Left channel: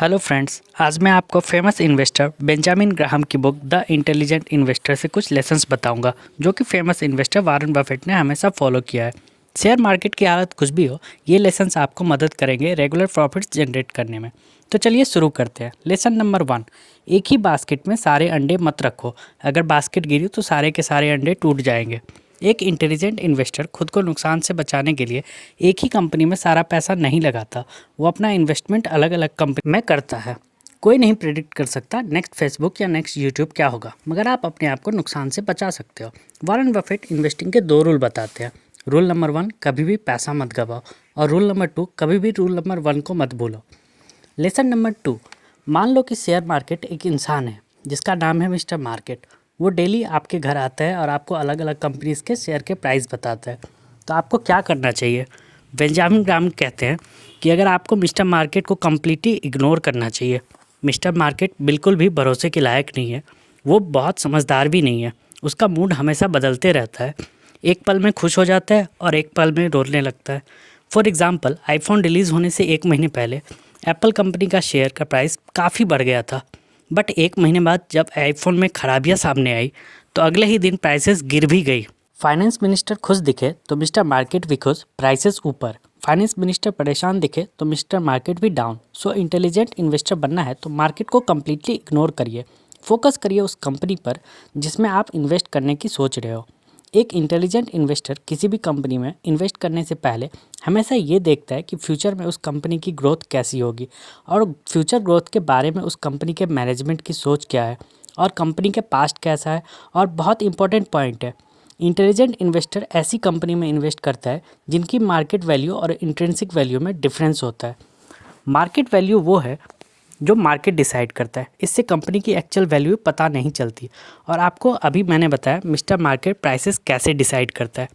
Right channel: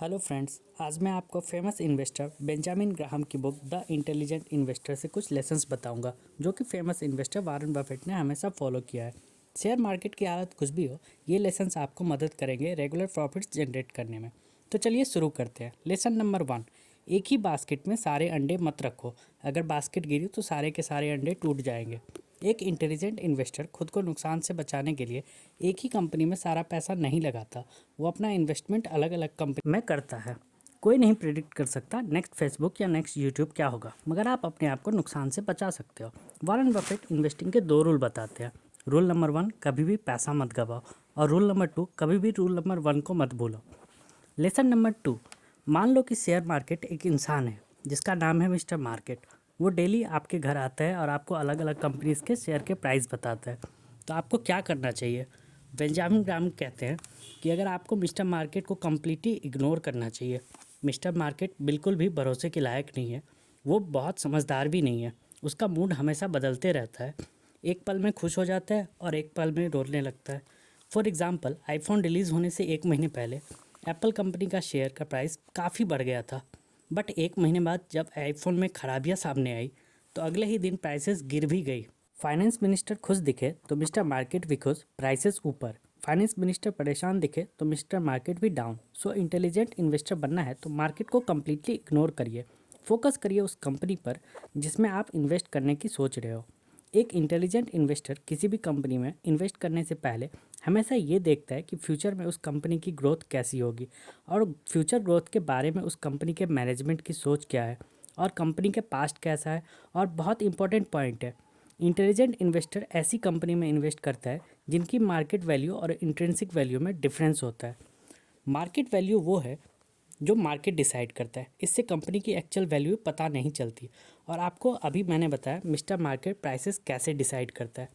Hello friends, आज मैं आपको फेमस इन्वेस्टर बेंजामिन ग्राहम की बुक द इंटेलिजेंट इन्वेस्टर से कुछ लेसन्स बताऊंगा जो कि फेमस इन्वेस्टर वॉरेन बफेट ने हमेशा फॉलो किया है। शेयर मार्केट की हालत कुछ भी हो, ये लेसन्स आपको मदद करेंगे रेगुलर प्रॉफिट्स जनरेट करने में। तो चलिए शुरू करते हैं। लेसन नंबर 1, एक ही बास्केट में सारे अंडे मत रखो। अगर बास्केट गिरी तो सारे के सारे अंडे टूट जाएंगे। एक इंटेलिजेंट इन्वेस्टर खुद को नुकसान से बचाने के लिए एक ही कंपनी में सारा पैसा नहीं लगाता। वो अपना इन्वेस्टमेंट अलग अलग कंपनी में करता है। कोई नहीं प्रेडिक्ट कर सकता नेक्स्ट फेसबुक या नेक्स्ट यूट्यूब क्या होगा, मगर आप अपने आप को नुकसान से बचा सकते हो। वॉरेन बफेट इन्वेस्टिंग के 2 रूल बताते हैं। रूल नंबर 1, कभी भी पैसा मत गवाओ। और रूल नंबर 2, कभी भी रूल नंबर 1 को मत भूलो। लेसन नंबर 2, मान लो कि शेयर मार्केट एक इंसान है जिसका नाम है मिस्टर मार्केट। वो डेली आपके घर आता है और आपको अलग अलग कंपनीज के शेयर के प्राइस बताता है। तो आपको क्या करना चाहिए? बेंजामिन ग्राहम कहते हैं कि अगर आपको मिस्टर मार्केट को कम्प्लीटली इग्नोर करना चाहिए। मिस्टर मार्केट बिल्कुल भी भरोसे के लायक नहीं है। वो बहुत समझदार भी नहीं है। उसका मूड हमेशा बदलते रहता है। एक पल में खुश हो जाता है और एक पल में रोने लगता है। फॉर एग्ज़ाम्पल, आईफोन रिलीज़ होने से 1 महीने पहले एप्पल कंपनी का शेयर का प्राइस काफ़ी बढ़ गया था। बट 1 महीने बाद जब आईफोन में खराबियां सामने आई तो अगले ही दिन प्राइसेस गिर भी गई। फाइनेंस मिनिस्टर खुश दिखे तो मिस्टर मार्केट भी खुश, प्राइसेस ऊपर। फाइनेंस मिनिस्टर परेशान दिखे तो मिस्टर मार्केट भी डाउन। सो इंटेलिजेंट इन्वेस्टर बनना है तो मार्केट को कम्प्लीटली इग्नोर करिए। फोकस करिए उस कंपनी पर जिसमें आप इन्वेस्ट करने की सोच रहे हो। एक इंटेलिजेंट इन्वेस्टर किसी भी कंपनी में इन्वेस्ट करने से पहले हमेशा ये देखता है कि फ्यूचर में उस कंपनी की ग्रोथ कैसी होगी और फ्यूचर ग्रोथ के बारे में उस कंपनी के मैनेजमेंट की सोच क्या है और कंपनी के पास्ट कैसा है। और बहुत इंपॉर्टेंट पॉइंट है, इंटेलिजेंट इन्वेस्टर ऐसी कंपनी में इन्वेस्ट करता है जिनकी मार्केट वैल्यू और इंट्रिंसिक वैल्यू में डिफरेंस होता है। मार्केट वैल्यू वो है जो मार्केट डिसाइड करता है। इससे कंपनी की एक्चुअल वैल्यू पता नहीं चलती। और आपको अभी मैंने बताया मिस्टर मार्केट प्राइसेस कैसे डिसाइड करता है।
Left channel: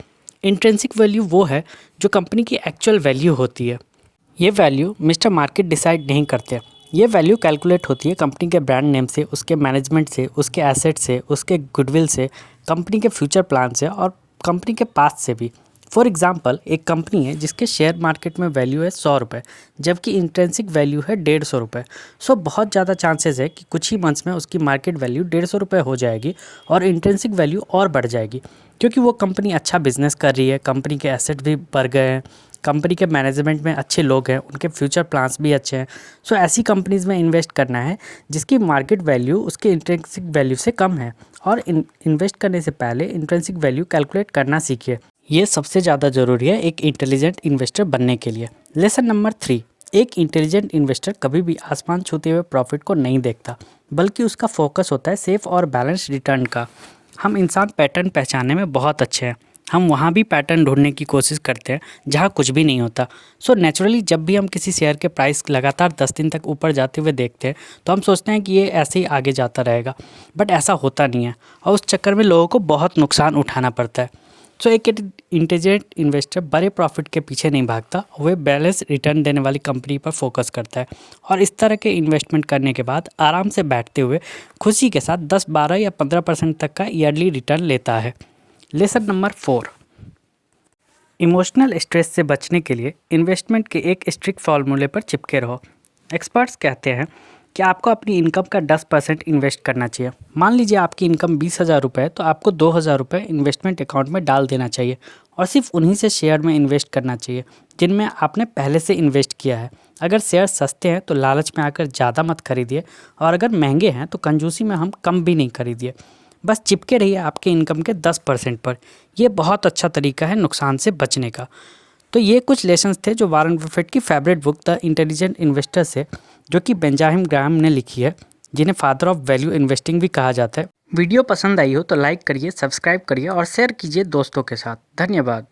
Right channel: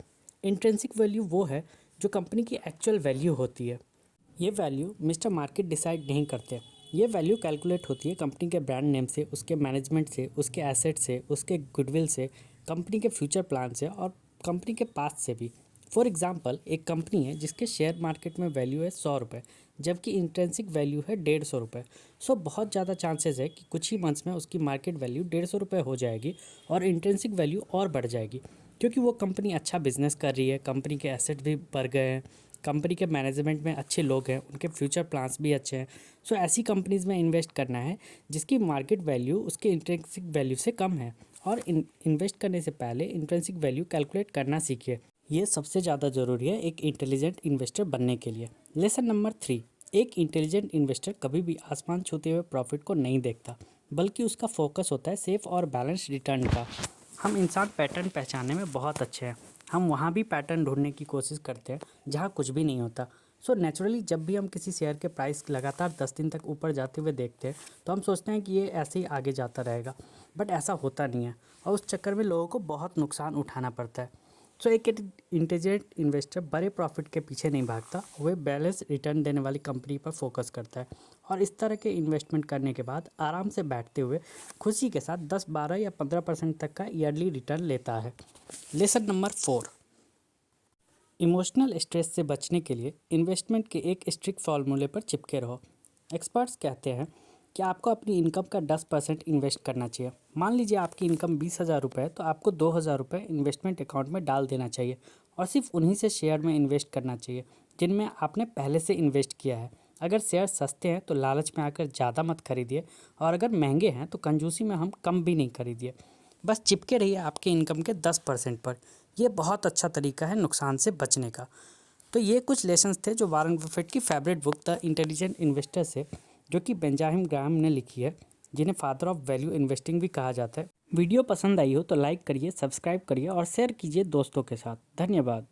इंट्रिंसिक वैल्यू वो है जो कंपनी की एक्चुअल वैल्यू होती है। ये वैल्यू मिस्टर मार्केट डिसाइड नहीं करते। ये वैल्यू कैलकुलेट होती है कंपनी के ब्रांड नेम से, उसके मैनेजमेंट से, उसके एसेट से, उसके गुडविल से, कंपनी के फ्यूचर प्लान से और कंपनी के पास्ट से भी। फॉर एग्जांपल, एक कंपनी है जिसके शेयर मार्केट में वैल्यू है 100 रुपये, जबकि इंट्रिंसिक वैल्यू है 150 रुपये। सो बहुत ज़्यादा चांसेस है कि कुछ ही मंथ्स में उसकी मार्केट वैल्यू 150 रुपये हो जाएगी और इंट्रिंसिक वैल्यू और बढ़ जाएगी, क्योंकि वो कंपनी अच्छा बिजनेस कर रही है, कंपनी के एसेट भी बढ़ गए हैं, कंपनी के मैनेजमेंट में अच्छे लोग हैं, उनके फ्यूचर प्लान्स भी अच्छे हैं। सो ऐसी कंपनीज़ में इन्वेस्ट करना है जिसकी मार्केट वैल्यू उसके इंट्रिंसिक वैल्यू से कम है। और इन्वेस्ट करने से पहले इंट्रिंसिक वैल्यू कैलकुलेट करना सीखिए। ये सबसे ज़्यादा ज़रूरी है एक इंटेलिजेंट इन्वेस्टर बनने के लिए। लेसन नंबर 3, एक इंटेलिजेंट इन्वेस्टर कभी भी आसमान छूते हुए प्रॉफिट को नहीं देखता, बल्कि उसका फोकस होता है सेफ और बैलेंस रिटर्न का। हम इंसान पैटर्न पहचानने में बहुत अच्छे हैं। हम वहाँ भी पैटर्न ढूंढने की कोशिश करते हैं जहाँ कुछ भी नहीं होता। सो नेचुरली जब भी हम किसी शेयर के प्राइस लगातार 10 दिन तक ऊपर जाते हुए देखते हैं तो हम सोचते हैं कि ये ऐसे ही आगे जाता रहेगा, बट ऐसा होता नहीं है और उस चक्कर में लोगों को बहुत नुकसान उठाना पड़ता है। सो एक इंटेलिजेंट इन्वेस्टर बड़े प्रॉफिट के पीछे नहीं भागता, वे बैलेंस रिटर्न देने वाली कंपनी पर फोकस करता है और इस तरह के इन्वेस्टमेंट करने के बाद आराम से बैठते हुए खुशी के साथ 10, 12 या 15% तक का ईयरली रिटर्न लेता है। लेसन नंबर 4, इमोशनल स्ट्रेस से बचने के लिए इन्वेस्टमेंट के एक स्ट्रिक्ट फार्मूले पर चिपके रहो। एक्सपर्ट्स कहते हैं कि आपको अपनी इनकम का 10% इन्वेस्ट करना चाहिए। मान लीजिए आपकी इनकम 20,000 रुपये है तो आपको 2,000 रुपये इन्वेस्टमेंट अकाउंट में डाल देना चाहिए और सिर्फ उन्हीं से शेयर में इन्वेस्ट करना चाहिए जिनमें आपने पहले से इन्वेस्ट किया है। अगर शेयर सस्ते हैं तो लालच में आकर ज़्यादा मत खरीदिए और अगर महंगे हैं तो कंजूसी में हम कम भी नहीं खरीदिए। बस चिपके रहिए आपके इनकम के 10% पर। यह बहुत अच्छा तरीका है नुकसान से बचने का। तो ये कुछ लेसन्स थे जो वॉरेन बफेट की favourite book the intelligent investor से, जो कि बेंजामिन ग्राहम ने लिखी है, जिन्हें फादर ऑफ वैल्यू इन्वेस्टिंग भी कहा जाता है। वीडियो पसंद आई हो तो लाइक करिए, सब्सक्राइब करिए और शेयर कीजिए दोस्तों के साथ। धन्यवाद।